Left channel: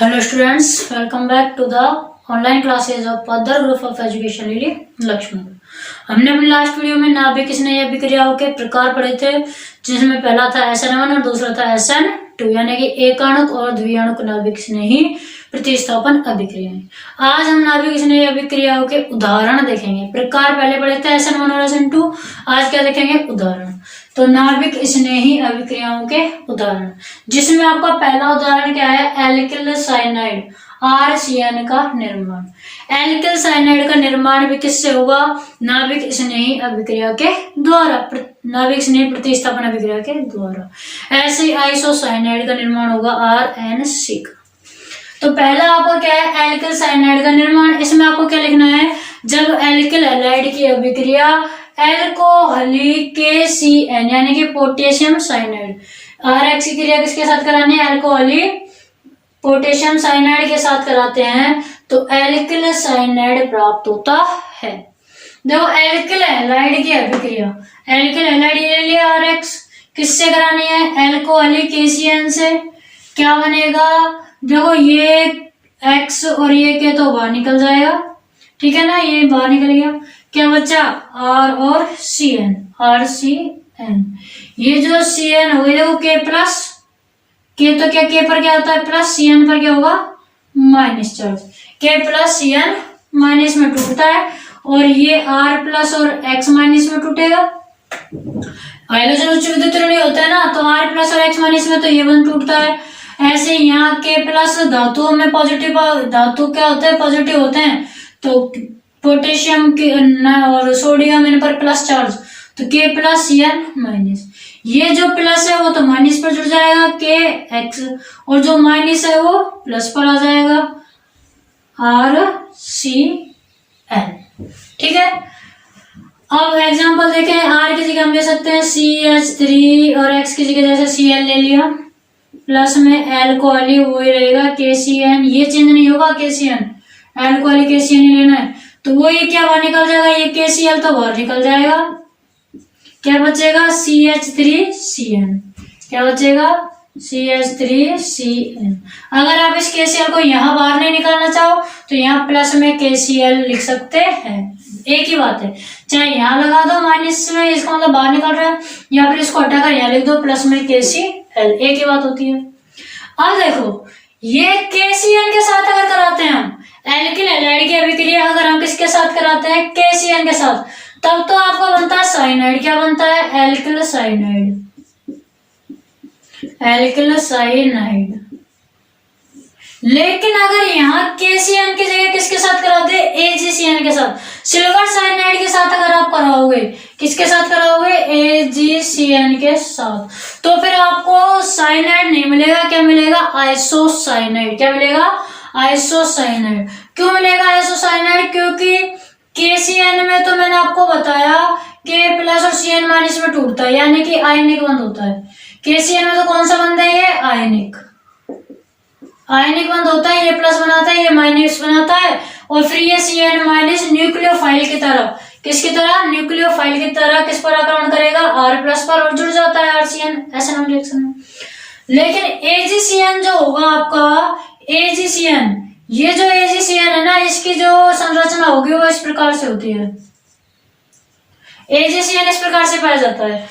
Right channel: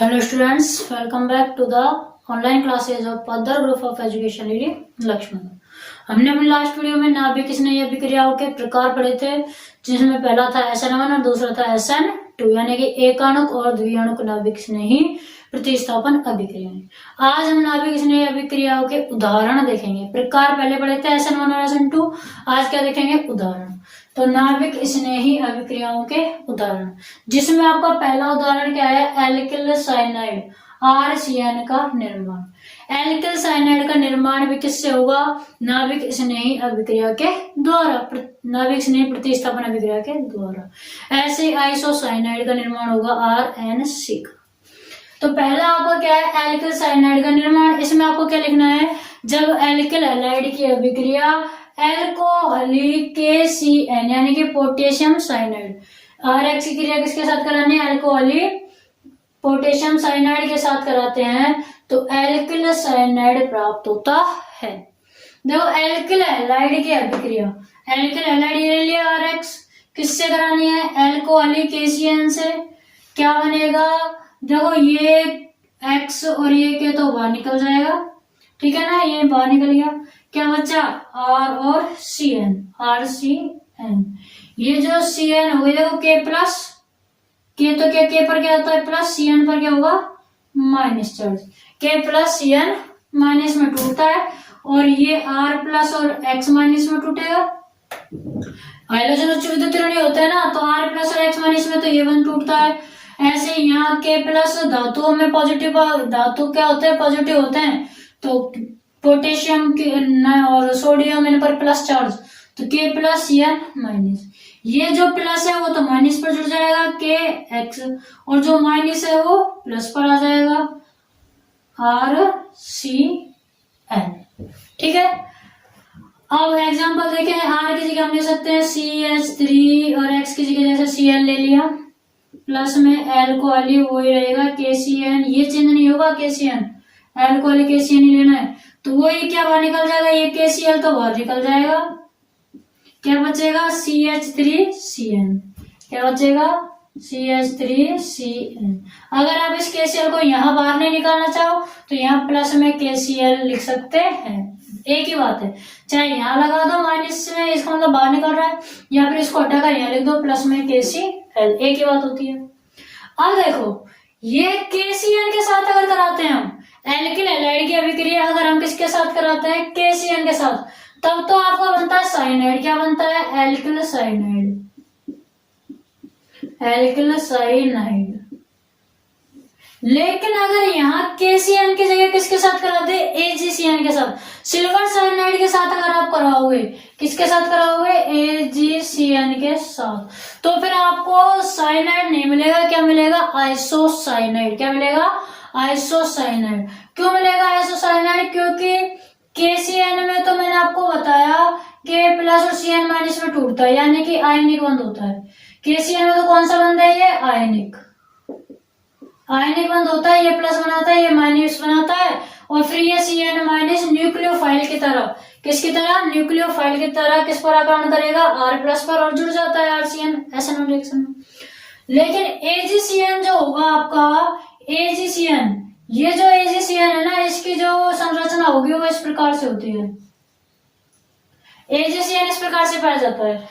Hello students, welcome back to the online classes of Padar Group of Education Lily Lakshman। हमने अपनी last video में नाभिक स्नेही अभिक्रियाओं के प्रकार पढ़े थे, जिसमें पहला था SN1 और दूसरा था SN2 यानी कि एकाणुक और द्विआणुक नाभिक स्नेही प्रतिस्थापन अभिक्रियाएं। आज हम नाभिक स्नेही अभिक्रियाओं के उदाहरण देखेंगे। प्रकार पहले पढ़े थे SN1 और SN2, आज क्या देखेंगे? उदाहरण। तो नाभिक स्नेही अभिक्रियाओं के उदाहरण, जिसमें आपका पहला उदाहरण क्या है? एल्किल साइनाइड RCN का निर्माण। एल्किल साइनाइड का निर्माण भी किससे होगा? नाभिक स्नेही अभिक्रिया के द्वारा, नाभिक स्नेही प्रतिस्थापन अभिक्रिया के द्वारा। ऐसे आइसोसाइनाइड का निर्माण होगा RNC का। तो पहला आपका क्या है? एल्किल साइनाइड का निर्माण। इसमें आपको क्या लिखना है? जब एल्किल हैलाइड की अभिक्रिया एल्कोहली KCN यानी कि पोटेशियम साइनाइड, RX की क्रिया किसके साथ करानी है? एल्कोहली पोटेशियम साइनाइड के साथ कराते हैं तो एल्किल साइनाइड प्राप्त होता है। देखो एल्किल हैलाइड की अभिक्रिया, एल्किल हैलाइड ले लिया RX, किससे करानी है? एल्कोहली KCN से। क्या बनेगा? देखो ये X और ये के तो बाहर निकल जाएगा, ठीक है ना, ये बाहर निकल गया। क्या बचा? R और CN, RCN। ये जो CN हो गया वो K प्लस, K तो क्या K पर क्या होता है? प्लस, CN पर क्या होगा? Minus charge. K plus CN minus में टूटता है और ये R प्लस और X माइनस में टूटेगा। हाइड्रोजन उच्च विद्युत ऋणाय होता है ना, तो R प्लस और X माइनस में तो ये बंद टूटता है। ऐसे यहाँ K प्लस धातुओं में पॉजिटिव, धातु क्या होते हैं? पॉजिटिव होते हैं। तो पोटेशियम के और सोडियम इन पर प्लस चार्ज, तो K प्लस CN माइनस। ये जो प्लस है वो तो माइनस पर जुड़ जाएगा KX, और जो माइनस है वो प्लस पर आ जाएगा RCN। ठीक है, अब एग्जांपल देखें। R की जगह हम ले सकते हैं CH3 और X की जगह जैसे Cl ले लिया, प्लस में एल्कोहली वही रहेगा KCN, ये चेंज नहीं होगा KCN, एल्कोहली KCN ही लेना है। तो वो ये क्या बाहर निकल जाएगा? ये KCl तो बाहर निकल जाएगा। क्या बचेगा? CH3CN। क्या बचेगा? CH3CN। अगर आप इस KCl को यहाँ बाहर नहीं निकालना चाहो तो यहाँ प्लस में KCl लिख सकते हैं, एक ही बात है। चाहे यहाँ लगा दो माइनस में, इसका मतलब बाहर निकल रहा है, या फिर इसको हटाकर यहाँ लिख दो प्लस में KCl, एक ही बात होती है। अब देखो ये KCN के साथ अगर कराते हैं हम एल्किल हैलाइड की अभिक्रिया, अगर हम किसके साथ कराते हैं? KCN के साथ, तब तो आपको बनता है साइनाइड। क्या बनता है? Alkyl cyanide, alkyl cyanide. लेकिन अगर यहाँ KCN की जगह किसके साथ कराते हैं? AgCN के साथ, सिल्वर साइनाइड के साथ अगर आप कराओगे, किसके साथ कराओगे? AgCN के साथ, तो फिर आपको साइनाइड नहीं मिलेगा। क्या मिलेगा? आइसोसाइनाइड। क्या मिलेगा? आइसोसाइनाइड। क्यों मिलेगा आइसोसाइनाइड? क्योंकि KCN में तो मैंने आपको बताया K प्लस और CN माइनस में टूटता है, यानी कि आयनिक बंध होता है। KCN में तो कौन सा बंध है? ये आयनिक, आयनिक बंध होता है। ये प्लस बनाता है, ये माइनस बनाता है, और फिर ये CN माइनस न्यूक्लियोफाइल की तरह, किसकी तरह? न्यूक्लियोफाइल की तरह किस पर आक्रमण करेगा? R प्लस पर, और जुड़ जाता है RCN SN1 रिएक्शन में। लेकिन AgCN जो होगा आपका, AgCN, ये जो AgCN है ना, इसकी जो संरचना होगी वो इस प्रकार से होती है। AgCN इस प्रकार से पाया जाता है।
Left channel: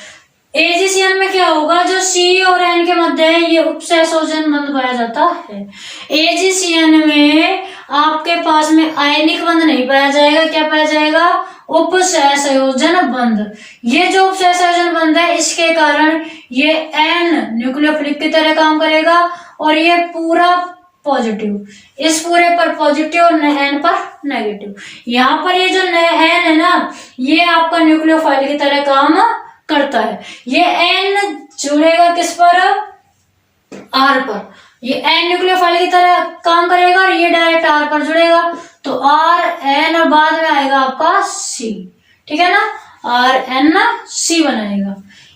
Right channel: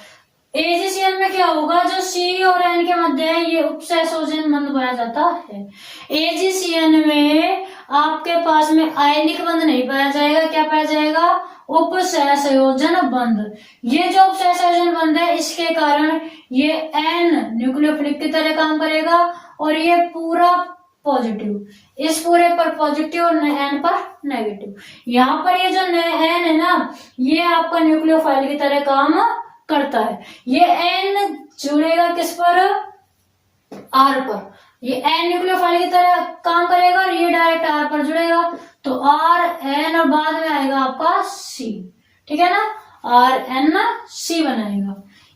AgCN में क्या होगा? जो C और N के मध्य है ये उपसहसंयोजन बंध पाया जाता है। AgCN में आपके पास में आयनिक बंध नहीं पाया जाएगा। क्या पाया जाएगा? उपसहसंयोजन बंध। ये जो उपसहसंयोजन बंध है, इसके कारण ये N न्यूक्लियोफिलिक की तरह काम करेगा, और ये पूरा पॉजिटिव, इस पूरे पर पॉजिटिव और N पर नेगेटिव। यहाँ पर ये जो N है ना, ये आपका न्यूक्लियोफाइल की तरह काम करता है। ये N जुड़ेगा किस पर? R पर। ये N न्यूक्लियोफाइल की तरह काम करेगा और ये डायरेक्ट R पर जुड़ेगा, तो R N और बाद में आएगा आपका C, ठीक है ना, RNC बनाएगा।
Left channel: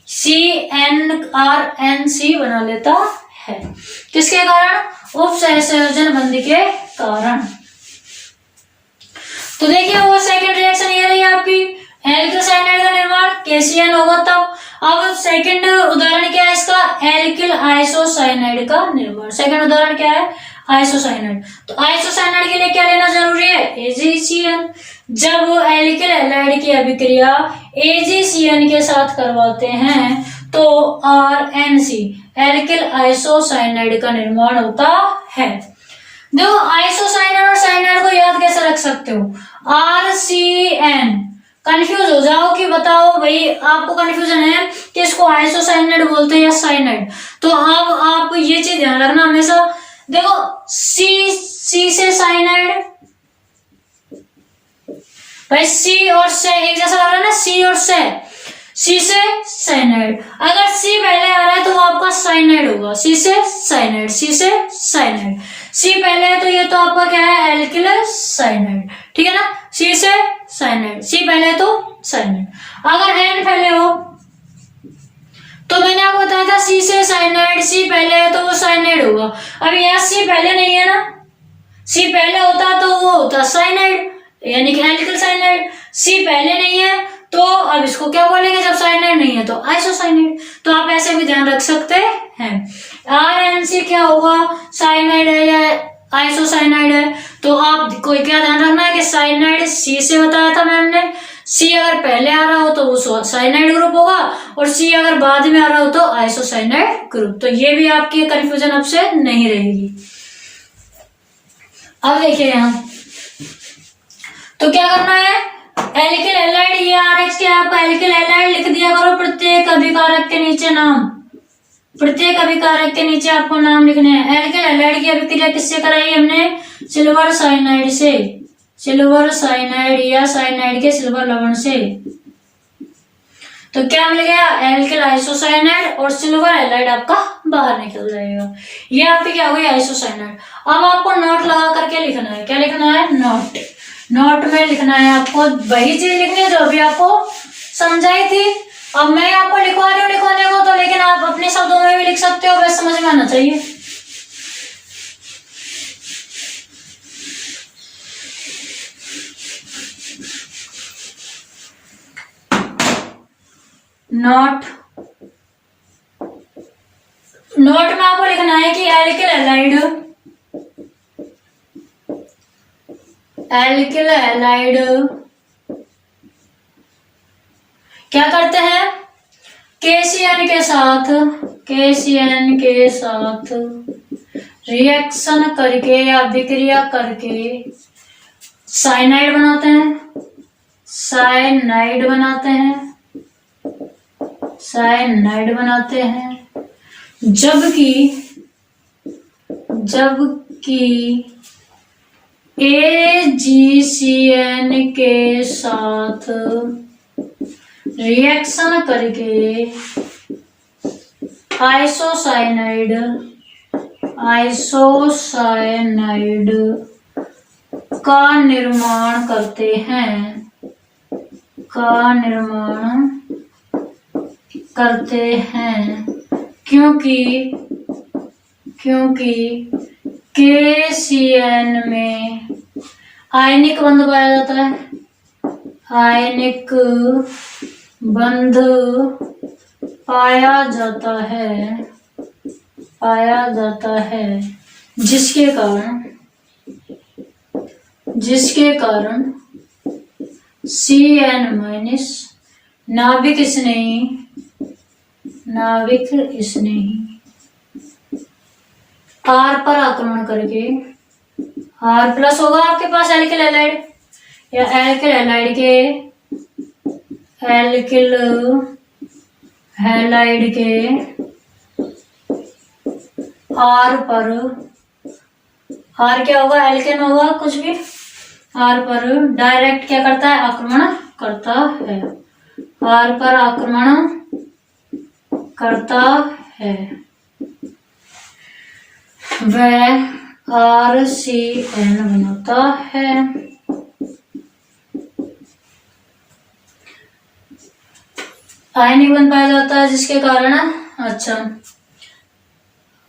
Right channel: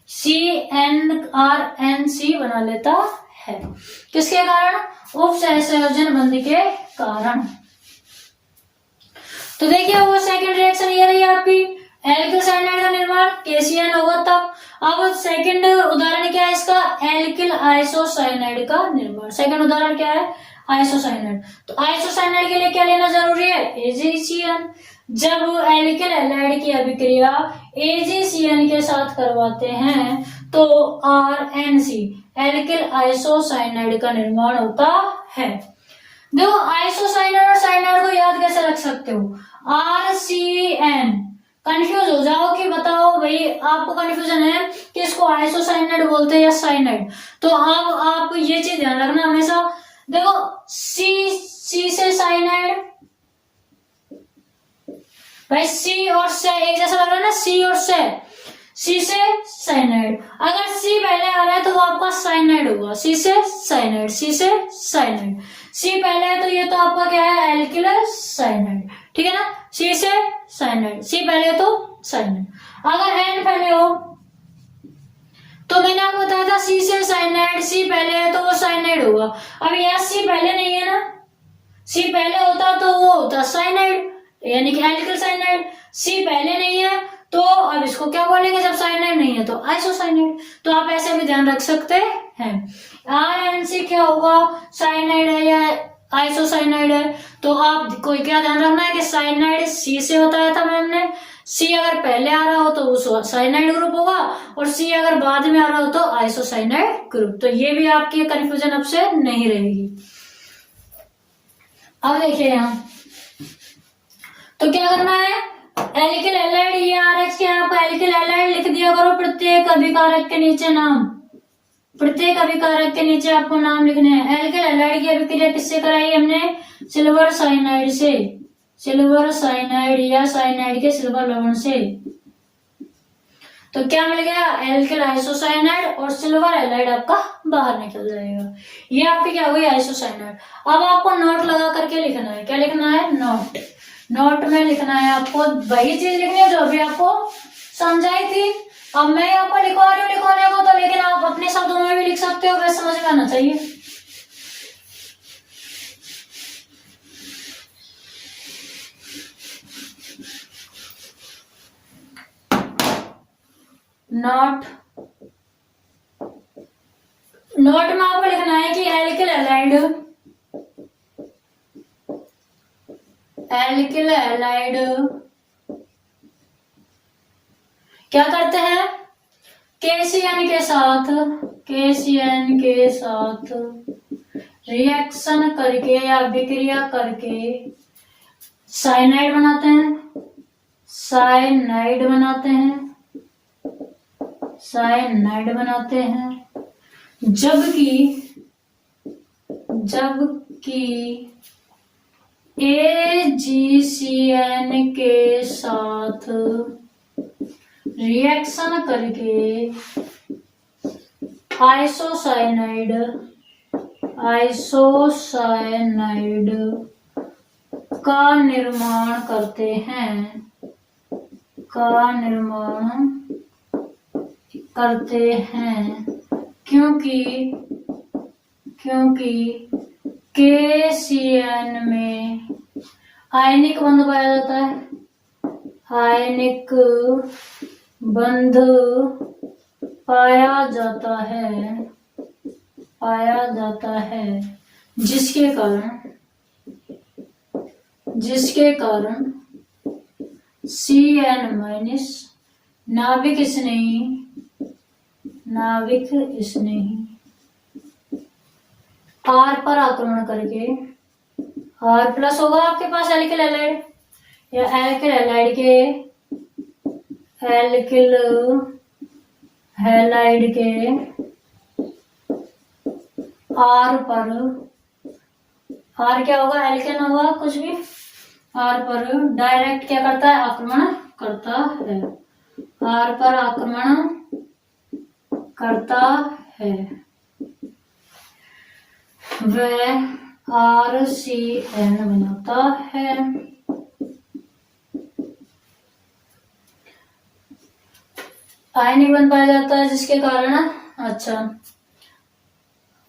CNRNC बना लेता है, किसके कारण? उपसहसंयोजन बंध के कारण। तो देखिए वो सेकंड रिएक्शन ये रही आपकी, एल्किल साइनाइड का निर्माण KCN होगा तब। अब सेकंड उदाहरण क्या है इसका, एल्किल आइसोसाइनाइड का निर्माण। सेकंड उदाहरण क्या है, आइसोसाइनाइड। तो आइसोसाइनाइड के लिए क्या लेना जरूरी है, AgCN। जब एल्किल हैलाइड की अभिक्रिया AgCN के साथ करवाते हैं तो RNC एल्किल आइसोसाइनाइड का निर्माण होता है। देखो आइसोसाइनाइड और साइनाइड को याद कैसे रख सकते हो, RCN। कंफ्यूज हो जाओ कि बताओ भाई आपको कंफ्यूजन है कि इसको आइसोसाइनाइड बोलते हैं या साइनाइड, तो अब आप ये चीज ध्यान रखना हमेशा। देखो सी से साइनाइड, भाई सी और से एक जैसा लग रहा है ना, सी और सी से साइनाइड। अगर सी पहले आ रहा है तो वो आपका साइनाइड होगा, सी से साइनाइड, सी से साइनाइड। सी पहले है तो ये तो आपका क्या है, एल्किल साइनाइड, ठीक है ना, सी से साइनाइड, सी पहले है तो साइनाइड। अगर एन पहले हो तो मैंने आपको बताया था सी से साइनाइड, सी पहले है तो वो साइनाइड होगा। अब यहाँ सी पहले नहीं है ना, सी पहले होता तो वो होता साइनाइड यानी कि एल्किल साइनाइड। सी पहले नहीं है तो अब इसको क्या बोलेंगे, जब साइनाइड नहीं है तो आइसोसाइनाइड। तो आप ऐसे भी ध्यान रख सकते हैं। RNC क्या होगा, साइनाइड है या आइसोसाइनाइड है। तो आप कोई क्या ध्यान रखना है कि साइनाइड सी से बताया था मैम ने, सी अगर पहले आ रहा हो तो वो साइनाइड ग्रुप होगा और सी अगर बाद में आ रहा हो तो आइसोसाइनाइड ग्रुप। तो ये भी आपकी कंफ्यूजन अब से नहीं रहेगी। अब देखिए यहाँ तो क्या करना है, एल्किल हैलाइड, ये RH के आप एल्किल हैलाइड लिख दिया करो, प्रत्येक अभिकारक के नीचे नाम, प्रत्येक अभिकारक के नीचे आपको नाम लिखने हैं। एल्किल हैलाइड की अभिक्रिया किससे कराई हमने, सिल्वर साइनाइड से, सिल्वर साइनाइड या साइनाइड के सिल्वर लवण से। तो क्या मिल गया, एल्किल आइसोसाइनाइड और सिल्वर हैलाइड आपका बाहर निकल जाएगा। ये आपकी क्या हुई, आइसोसाइनाइड। अब आपको नोट लगा करके लिखना है, क्या लिखना है, नोट। नोट में लिखना है आपको वही चीज लिखनी है जो अभी आपको समझाई थी। अब मैं आपको लिखवा रही हूँ लिखवाने को तो, लेकिन आप अपने शब्दों में भी लिख सकते हो, बस समझ में आना चाहिए। नोट, नोट में आपको लिखना है कि एल्किल हैलाइड, एल्किल हैलाइड क्या करते हैं, KCN के साथ, KCN के साथ रिएक्शन करके या अभिक्रिया करके साइनाइड बनाते हैं, साइनाइड बनाते हैं, साइनाइड बनाते हैं। जबकि AgCN के साथ रिएक्शन करके आइसोसाइनाइड, आइसोसाइनाइड का निर्माण करते हैं, का निर्माण करते हैं। क्योंकि KCN में आयनिक बंध पाया जाता है, आयनिक बंध पाया जाता है, जिसके कारण CN- नाभिक स्नेही R पर आक्रमण करके, R प्लस होगा आपके पास एल्किल हैलाइड या एल्किल हैलाइड के R पर, R क्या होगा, एल्केन होगा कुछ भी, R पर डायरेक्ट क्या करता है, आक्रमण करता है, R पर आक्रमण करता है, वह RCN बनाता है। आयनिक बन पाया जाता है जिसके कारण, अच्छा,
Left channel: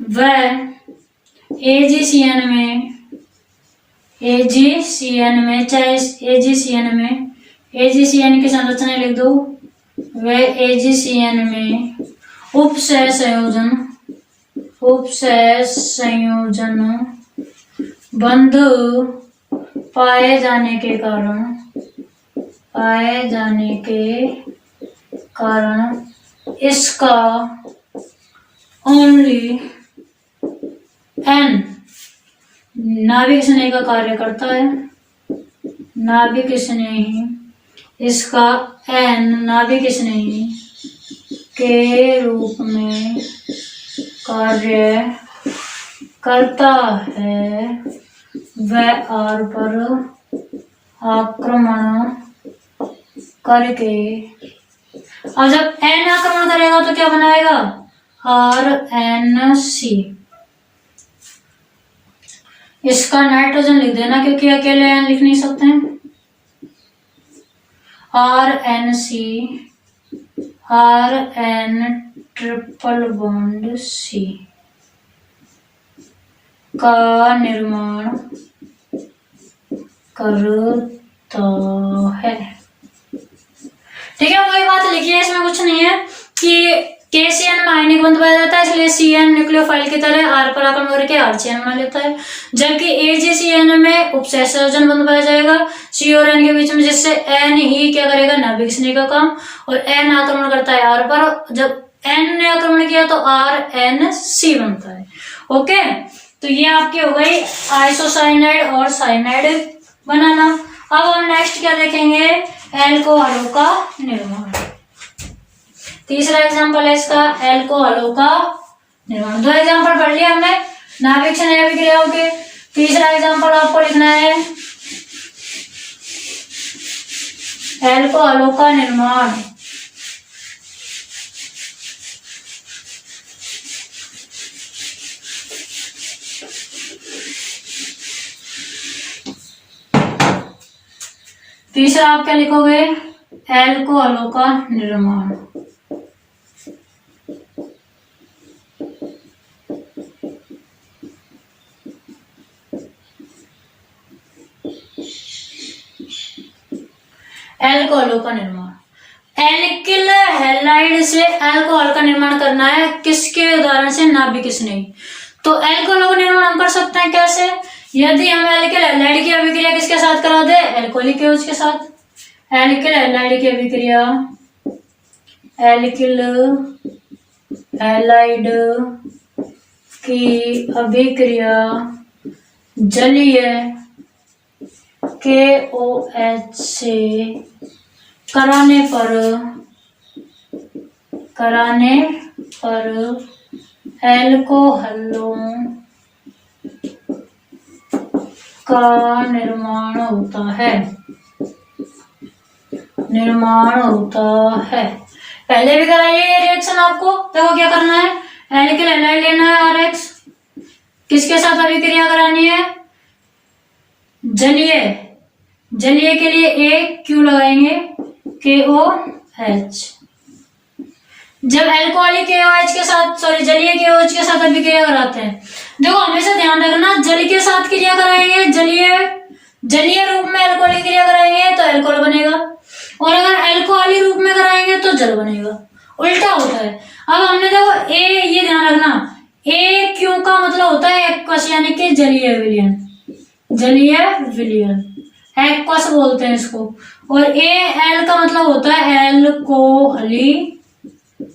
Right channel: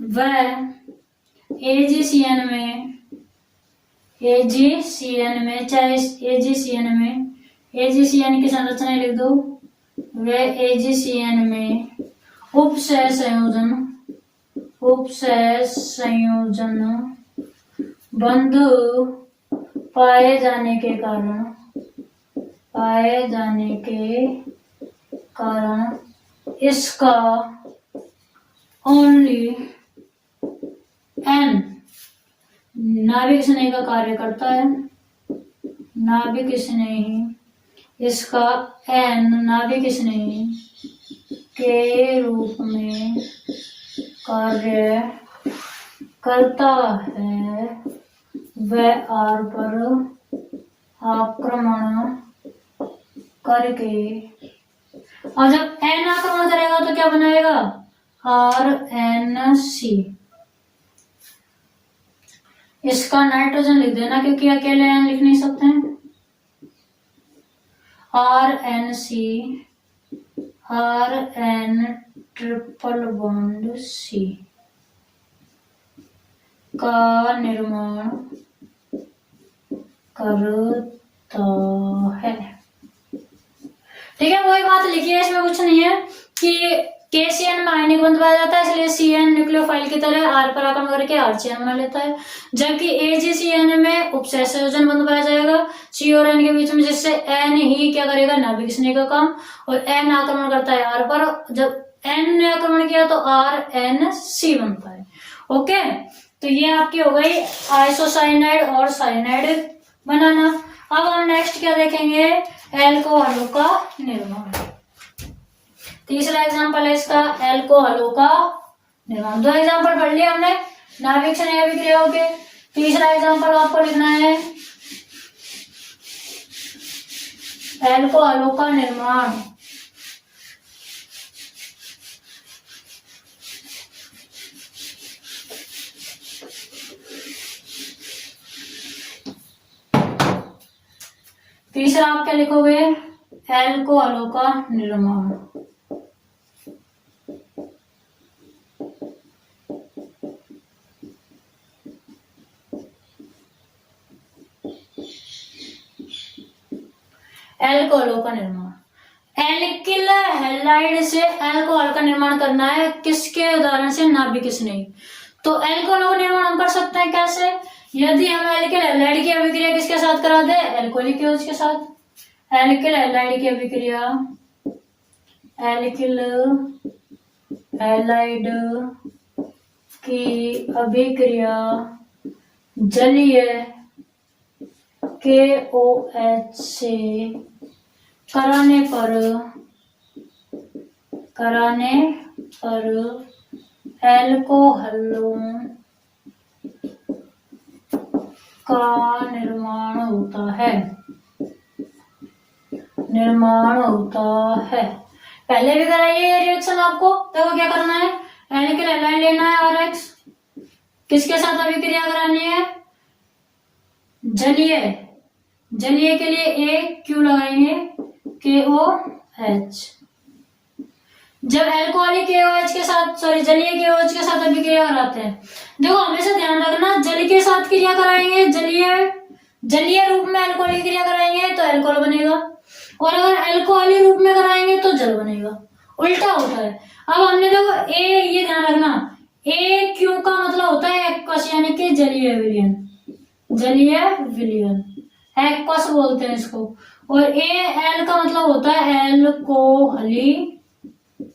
वह AgCN में चाहे AgCN में AgCN की संरचना लिख दो। वह AgCN में उपसह संयोजन बंध पाए जाने के कारण इसका ओनली N नाभिक स्नेही का कार्य करता है। नाभिक स्नेही इसका N नाभिक स्नेही के रूप में कार्य करता है। वह R पर आक्रमण करके, अब जब N आक्रमण करेगा तो क्या बनाएगा? RNC। इसका नाइट्रोजन लिख देना क्योंकि अकेले N लिख नहीं सकते हैं। RNC RN triple bond C का निर्माण करता है। ठीक है, वही बात लिखिए, इसमें कुछ नहीं है कि KCN में आयनिक बंध पाया जाता है, इसलिए CN न्यूक्लियोफाइल की तरह R पर आक्रमण करके RCN बना लेता है, जबकि AgCN में उपसह संयोजन बंध पाया जाएगा C और N के बीच में, जिससे N ही क्या करेगा? नाभिक स्नेही का काम, और N आक्रमण करता है R पर। जब N ने आक्रमण किया तो RNC बनता है। ओके, तो ये आपकी हो गई आइसोसाइनाइड और साइनाइड बनाना। अब हम नेक्स्ट क्या देखेंगे? एल्कोहलों का निर्माण। तीसरा एग्जांपल है इसका एल्कोहलों का निर्माण। दो एग्जांपल पढ़ लिया हमने नाभिक स्नेही अभिक्रियाओं के। तीसरा एग्जांपल आपको लिखना है एल्कोहलों का निर्माण। तीसरा आप क्या लिखोगे? एल्कोहलों का निर्माण। एल्कोहलों का निर्माण, एल्किल हैलाइड से एल्कोहल का निर्माण करना है। किसके उदाहरण से? नाभिक स्नेही। तो एल्कोहलों का निर्माण हम कर सकते हैं कैसे? यदि हम एल्किल हैलाइड की अभिक्रिया किसके साथ करा दे? एल्कोहलिक एओएच के साथ। एल्किल हैलाइड की अभिक्रिया, एल्किल हैलाइड की अभिक्रिया जलीय KOH से कराने पर एल्कोहलों का निर्माण होता है। पहले भी कराइए ये रिएक्शन आपको। देखो क्या करना है, एल्किल हैलाइड लेना है RH, किसके साथ अभिक्रिया करानी है? जलीय के लिए A Q लगाएंगे, KOH। जब एल्कोहलिक KOH के साथ जलीय KOH के साथ अभिक्रिया कराते हैं, देखो हमेशा ध्यान रखना, जल के साथ क्रिया कराएंगे, जलीय रूप में एल्कोहलिक क्रिया कराएंगे तो एल्कोहल बनेगा, और अगर एल्कोहलिक रूप में कराएंगे तो जल बनेगा। उल्टा होता है। अब हमने देखो ये ध्यान रखना, AQ का मतलब होता है एक्वस, यानी कि जलीय विलयन, एक्वस बोलते हैं इसको, और AL का मतलब होता है एल्कोहली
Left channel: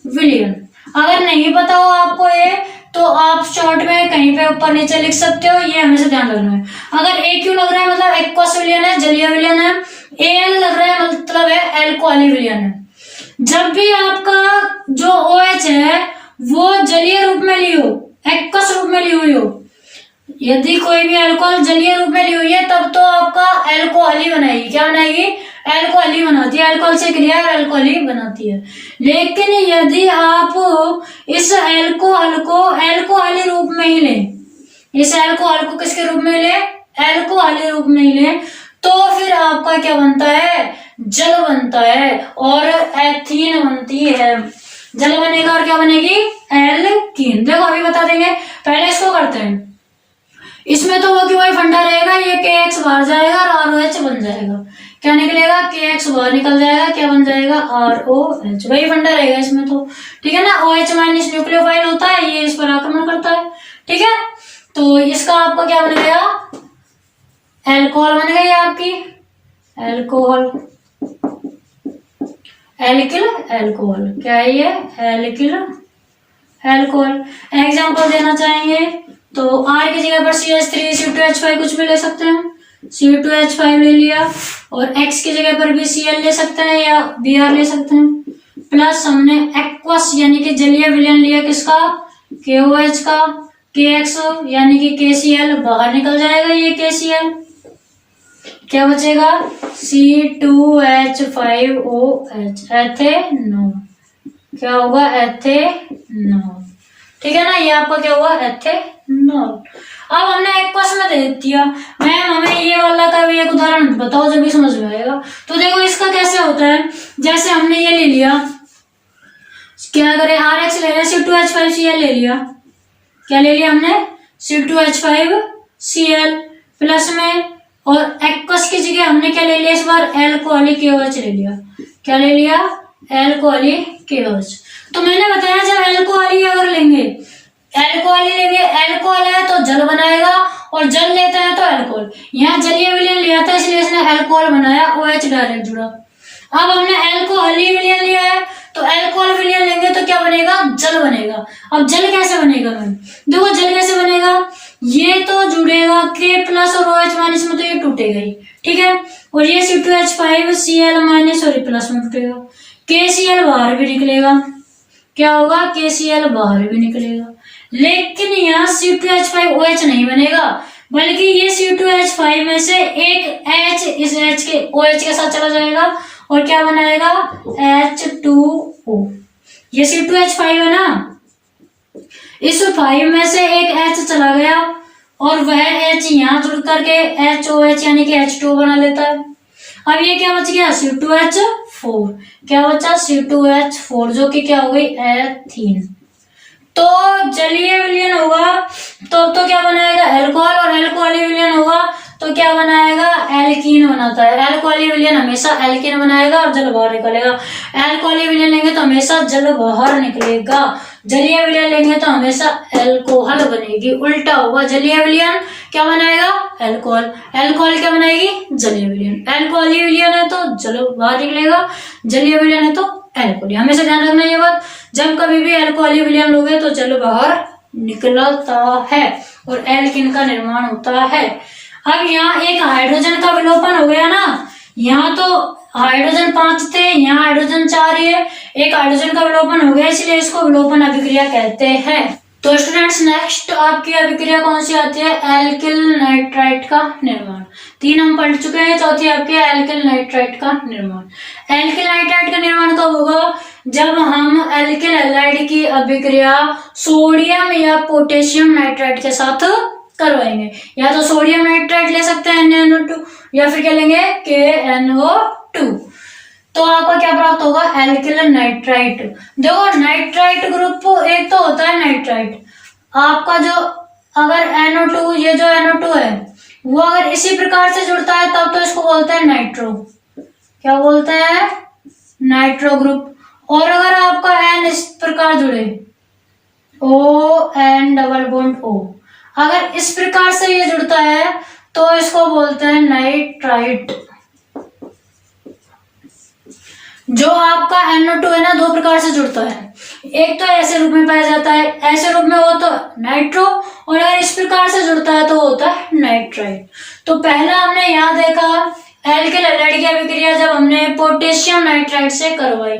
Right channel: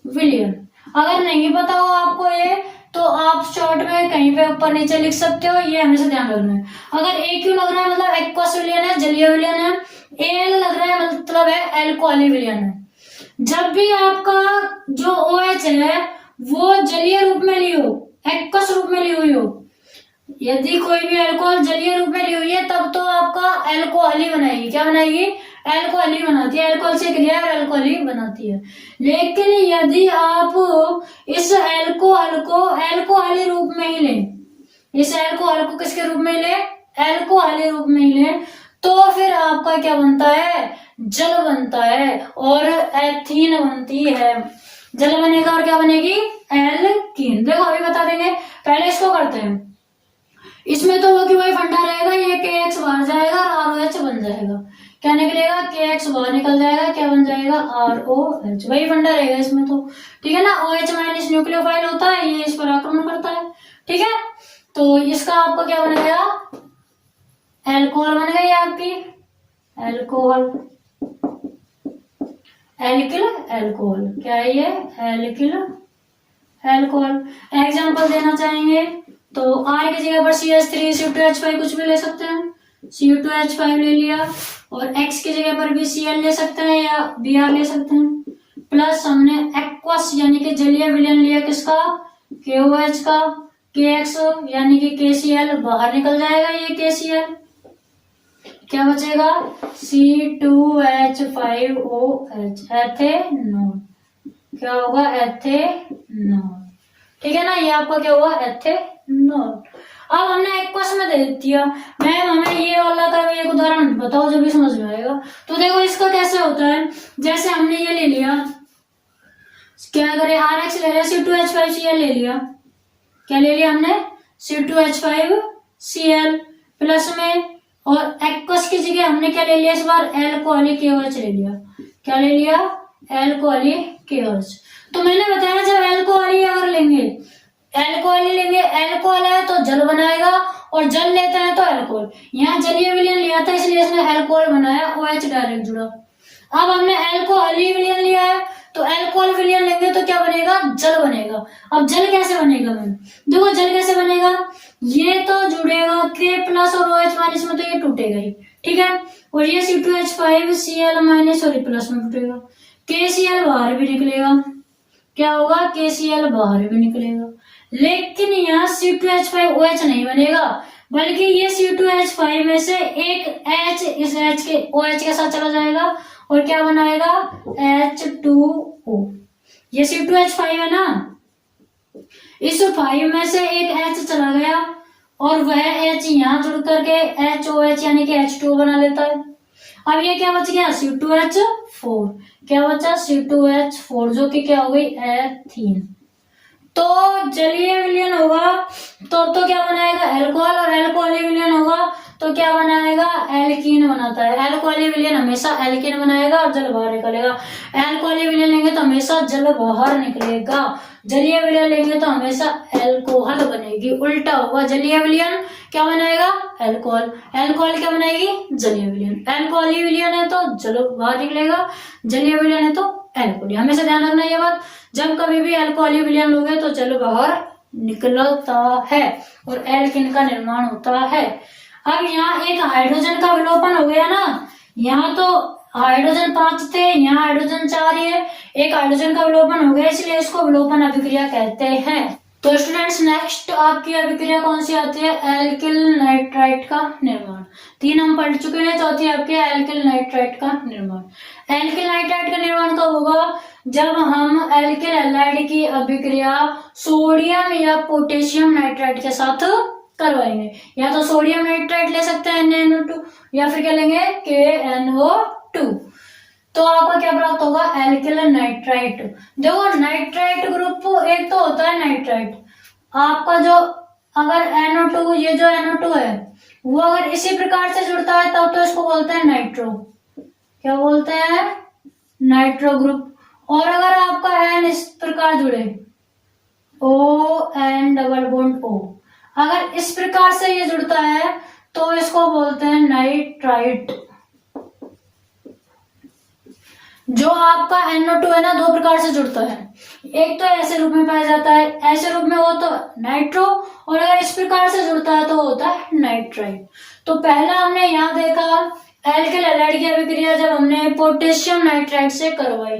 विलयन। अगर नहीं पता हो आपको ये, तो आप शॉर्ट में कहीं पे ऊपर नीचे लिख सकते हो, ये हमेशा ध्यान रखना है। अगर AQ लग रहा है मतलब एक्वस विलयन है, जलीय विलयन है, AL लग रहा है मतलब है एल्कोहली विलयन है। जब भी आपका जो OH है वो जलीय रूप में ली हो, एक्वस रूप में ली हुई हो, यदि कोई भी अल्कोहल जलीय रूप में ली हुई है तब तो आपका एल्कोहली बनाएगी। क्या बनाएगी? एल्कोहली बनाती है, अल्कोहल से क्रिया और एल्कोहली बनाती है। लेकिन यदि आप इस एल्कोहल को एल्कोहली रूप में ही लें, इस एल्कोहल को किसके रूप में ले? एल्कोहली रूप में ही लें, तो फिर आपका क्या बनता है? जल बनता है और एथीन बनती है। जल बनेगा और क्या बनेगी? एल्कीन। देखो अभी बता देंगे, पहले इसको करते हैं। इसमें तो वो कि वही फंडा रहेगा, ये KX बाहर जाएगा और ROH बन जाएगा। क्या निकलेगा, के एक्स बाहर निकल जाएगा, क्या बन जाएगा, ROH। वही फंडा रहेगा इसमें तो, ठीक है ना। OH माइनस न्यूक्लियोफाइल होता है, ये इस पर आक्रमण करता है, ठीक है। तो इसका आपका क्या बन गया, एल्कोहल बन गई आपकी, एल्कोहल, एल्किल एल्कोहल, क्या है ये, एल्किल एल्कोहल। एग्जांपल देना चाहेंगे तो R की जगह पर CH3 C2H5 कुछ भी ले सकते हैं, C2H5 ले लिया, और X की जगह पर भी Cl ले सकते हैं या Br ले सकते हैं, प्लस हमने एक्वस यानी कि जलीय विलयन लिया किसका, KOH का, KX यानी कि KCl बाहर निकल जाएगा, ये KCl, क्या बचेगा, C2H5OH, एथेनॉल, क्या होगा, एथेनॉल, ठीक है ना। ये आपका क्या हुआ, एथेनॉल। अब हमने एक्वस में दे दिया, मैम हमें ये वाला का भी एक उदाहरण बताओ जब भी समझ में आएगा। तो देखो इसका कैसे होता है, जैसे हमने ये ले लिया, क्या करें, RH ले लिया, C2H5Cl ले लिया, क्या ले लिया हमने, C2H5Cl प्लस में, और एक्वस की जगह हमने क्या ले लिया इस बार, एल्कोहलिक KOH ले लिया, क्या ले लिया, एल्कोहलिक KOH। तो मैंने बताया जब एल्कोहल अगर लेंगे, एल्कोहल है तो जल बनाएगा, और जल लेता है तो एल्कोहल, यहाँ जलीय विलयन लिया था इसलिए इसने एल्कोहल बनाया, OH डायरेक्ट जुड़ा। अब हमने एल्कोहलिक विलयन लिया है तो एल्कोहल विलयन लेंगे तो क्या बनेगा, जल बनेगा। अब जल कैसे बनेगा मैम, देखो जल कैसे बनेगा, ये तो जुड़ेगा K प्लस और OH माइनस में, तो ये टूटेगा ही, ठीक है, और ये C2H5Cl माइनस और प्लस में टूटेगा, KCl बाहर भी निकलेगा, क्या होगा, KCl बाहर भी निकलेगा, लेकिन यहाँ C2H5OH नहीं बनेगा, बल्कि ये C2H5 में से एक H इस H के OH के साथ चला जाएगा और क्या बनाएगा, H2O। ये C2H5 है ना, इस 5 में से एक H चला गया और वह H यहाँ जुड़ करके HOH यानी कि H2O बना लेता है। अब ये क्या बच गया, C2H4, क्या बचा, C2H4, जो कि क्या हो गई, एथीन। तो जलीय विलयन होगा तो क्या बनाएगा, एल्कोहल, और एल्कोहलिक विलयन होगा तो क्या बनाएगा, एल्कीन बनाता है। एल्कोहलिक विलयन हमेशा एल्कीन बनाएगा और जल बाहर निकलेगा, एल्कोहलिक विलयन लेंगे तो हमेशा जल बाहर निकलेगा, जलीय विलयन लेंगे तो हमेशा एल्कोहल बनेगी, उल्टा होगा, जलीय विलयन क्या बनाएगा, एल्कोहल, एल्कोहल क्या बनाएगी, जलीय विलयन, एल्कोहलिक विलयन है तो जल बाहर निकलेगा, जलीय विलयन है तो एल्कोहल। हमेशा ध्यान रखना ये बात, जब कभी भी एल्कोहलिक विलयन लोगे तो जल बाहर निकलता है और एल्कीन का निर्माण होता है। अब यहाँ एक हाइड्रोजन का विलोपन हो गया ना, यहाँ तो हाइड्रोजन 5 थे, यहाँ हाइड्रोजन 4 ही है, एक हाइड्रोजन का विलोपन हो गया, इसलिए इसको विलोपन अभिक्रिया कहते हैं। तो स्टूडेंट्स नेक्स्ट आपकी अभिक्रिया कौन सी आती है, एल्किल नाइट्राइट का निर्माण। 3 हम पढ़ चुके हैं, चौथी आपके एल्किल नाइट्राइट का निर्माण। एल्किल नाइट्राइट का निर्माण कब होगा, जब हम एल्किल हैलाइड की अभिक्रिया सोडियम या पोटेशियम नाइट्राइट के साथ करवाएंगे। या तो सोडियम नाइट्राइट ले सकते हैं NaNO2, या फिर क्या लेंगे KNO2। तो आपका क्या प्राप्त होगा, एल्किल नाइट्राइट। देखो नाइट्राइट ग्रुप एक तो होता है नाइट्राइट, आपका जो अगर NO2, ये जो NO2 है वो अगर इसी प्रकार से जुड़ता है तब तो इसको बोलते हैं नाइट्रो, क्या बोलते हैं, नाइट्रो ग्रुप। और अगर आपका N इस प्रकार जुड़े, ON डबल बॉन्ड O, अगर इस प्रकार से ये जुड़ता है तो इसको बोलते हैं नाइट्राइट। जो आपका NO2 है ना, 2 प्रकार से जुड़ता है, एक तो ऐसे रूप में पाया जाता है, ऐसे रूप में हो तो नाइट्रो, और अगर इस प्रकार से जुड़ता है तो होता है नाइट्राइट। तो पहला हमने यहाँ देखा एल्किल हैलाइड की अभिक्रिया जब हमने पोटेशियम नाइट्राइट से करवाई,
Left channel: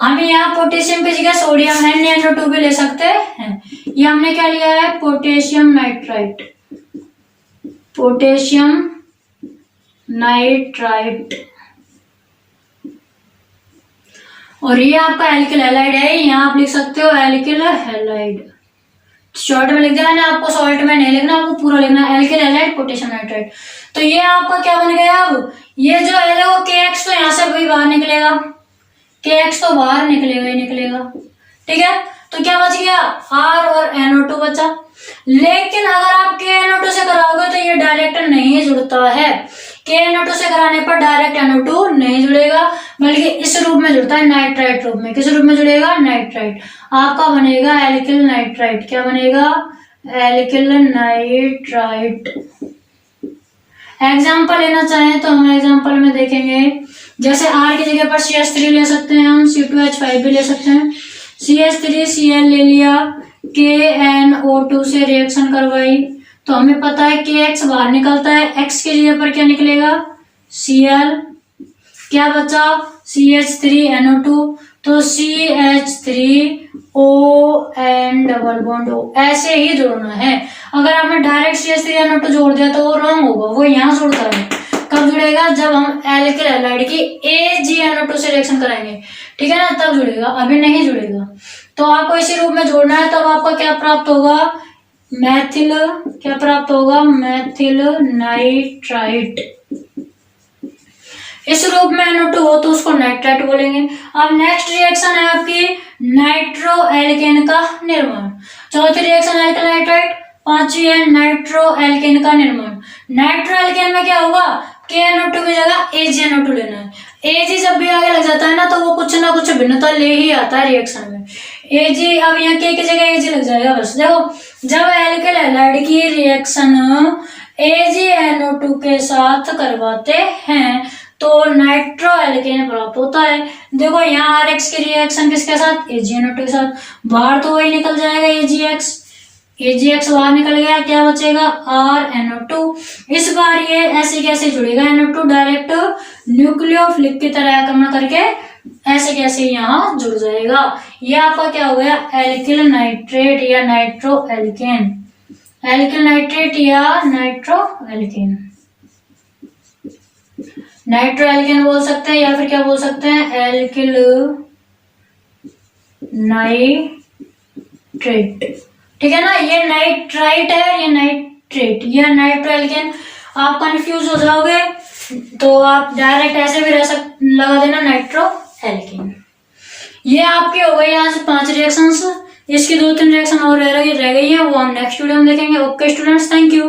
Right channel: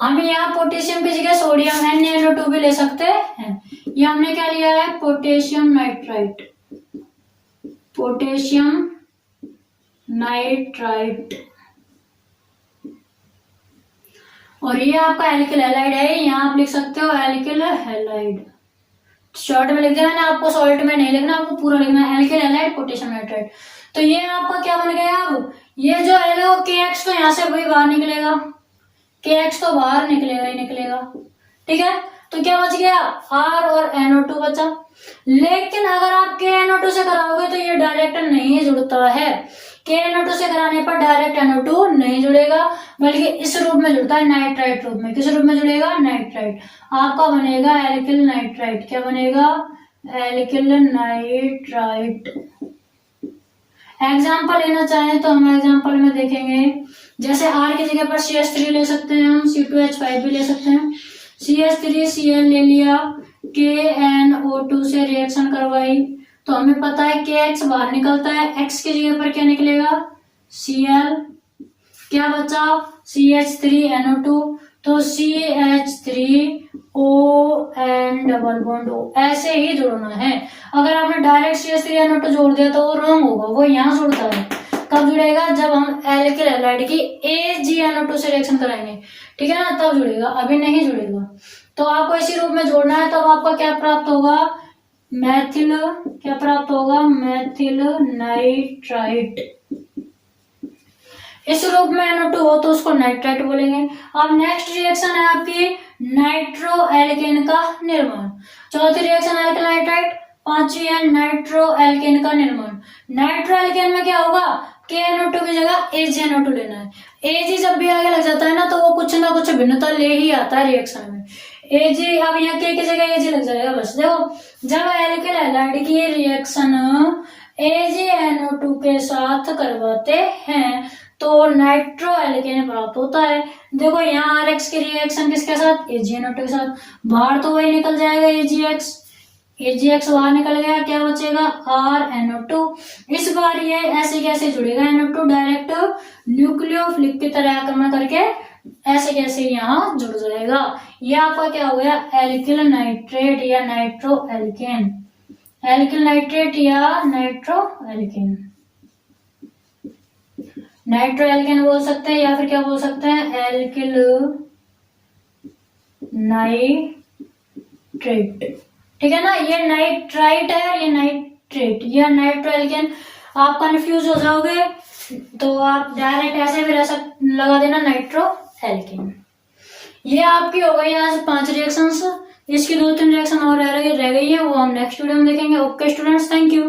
हमें यहाँ पोटेशियम की जगह सोडियम NaNO2 भी ले सकते हैं। ये हमने क्या लिया है, पोटेशियम नाइट्राइट, पोटेशियम नाइट्राइट, और ये आपका एल्किल हैलाइड है, यहाँ आप लिख सकते हो एल्किल हैलाइड, शॉर्ट में लिख देना है, आपको शॉर्ट में नहीं लिखना, आपको पूरा लिखना है, एल्किल हैलाइड पोटेशियम नाइट्राइट। तो ये आपका क्या बन गया, अब ये जो L है वो KX तो यहाँ से भी बाहर निकलेगा, KX तो बाहर निकलेगा ही निकलेगा, ठीक है। तो क्या बच गया, R और NO2 बचा। लेकिन अगर आप KNO2 से कराओगे तो ये डायरेक्ट नहीं जुड़ता है, KNO2 से कराने पर डायरेक्ट NO2 नहीं जुड़ेगा, बल्कि इस रूप में जुड़ता है, नाइट्राइट रूप में। किस रूप में जुड़ेगा? नाइट्राइट। आपका बनेगा एल्किल नाइट्राइट। क्या बनेगा? Alkyl nitrite. एग्जाम्पल लेना चाहें तो हम एग्जाम्पल में देखेंगे, जैसे R की जगह पर CH3 ले सकते हैं, हम C2H5 भी ले सकते हैं। CH3Cl ले लिया, KNO2 से रिएक्शन करवाई, तो हमें पता है KX बाहर निकलता है, X की जगह पर क्या निकलेगा? Cl। क्या बचा? CH3NO2, तो CH3ON डबल बॉन्ड O, ऐसे ही जोड़ना है। अगर आपने डायरेक्ट CH3NO2 जोड़ दिया तो वो रॉन्ग होगा, वो यहाँ जुड़ता है। कब जुड़ेगा? जब हम एल्किल हैलाइड की AgNO2 से रिएक्शन कराएंगे, ठीक है ना, तब जुड़ेगा, अभी नहीं जुड़ेगा। तो आपको इसी रूप में जोड़ना है, तब आपका क्या प्राप्त होगा? मैथिल। क्या प्राप्त होगा? मैथिल नाइट्राइट। इस रूप में NO2 हो तो उसको नाइट्राइट बोलेंगे। अब नेक्स्ट रिएक्शन है आपकी नाइट्रो एल्केन का निर्माण। चौथी रिएक्शन एल्किल नाइट्राइट, पांचवी है नाइट्रो एल्केन का निर्माण। नाइट्रो एल्केन में क्या होगा? KNO2 की जगह AgNO2 लेना है। Ag जब भी आगे लग जाता है ना, तो वो कुछ ना कुछ भिन्नता ले ही आता है रिएक्शन में। Ag, अब यहाँ K की जगह Ag लग जाएगा बस। देखो, जब एल्किल हैलाइड की रिएक्शन AgNO2 के साथ करवाते हैं तो नाइट्रो एल्केन प्राप्त होता है। देखो यहाँ RX की रिएक्शन किसके साथ? AgNO2 के साथ। बाहर तो वही निकल जाएगा AgX। AgX बाहर निकल गया, क्या बचेगा? RNO2। इस बार ये ऐसे कैसे जुड़ेगा? NO2 डायरेक्ट न्यूक्लियोफिलिक की तरह आक्रमण करके ऐसे कैसे यहाँ जुड़ जाएगा। ये आपका क्या हो गया? एल्किल नाइट्रेट या नाइट्रो एल्केन। एल्किल नाइट्रेट या नाइट्रो एल्केन। नाइट्रो एल्केन बोल सकते हैं, या फिर क्या बोल सकते हैं? Alkyl nitrate. ठीक है ना, ये नाइट्राइट है और ये नाइट्रेट, ये नाइट्रो एल्केन। आप कंफ्यूज हो जाओगे तो आप डायरेक्ट ऐसे भी लगा देना नाइट्रो एल्केन। ये आपकी हो गई आज 5 रिएक्शंस। इसकी 2-3 रिएक्शन और रह गई है, वो हम नेक्स्ट वीडियो में देखेंगे। Okay students, thank you.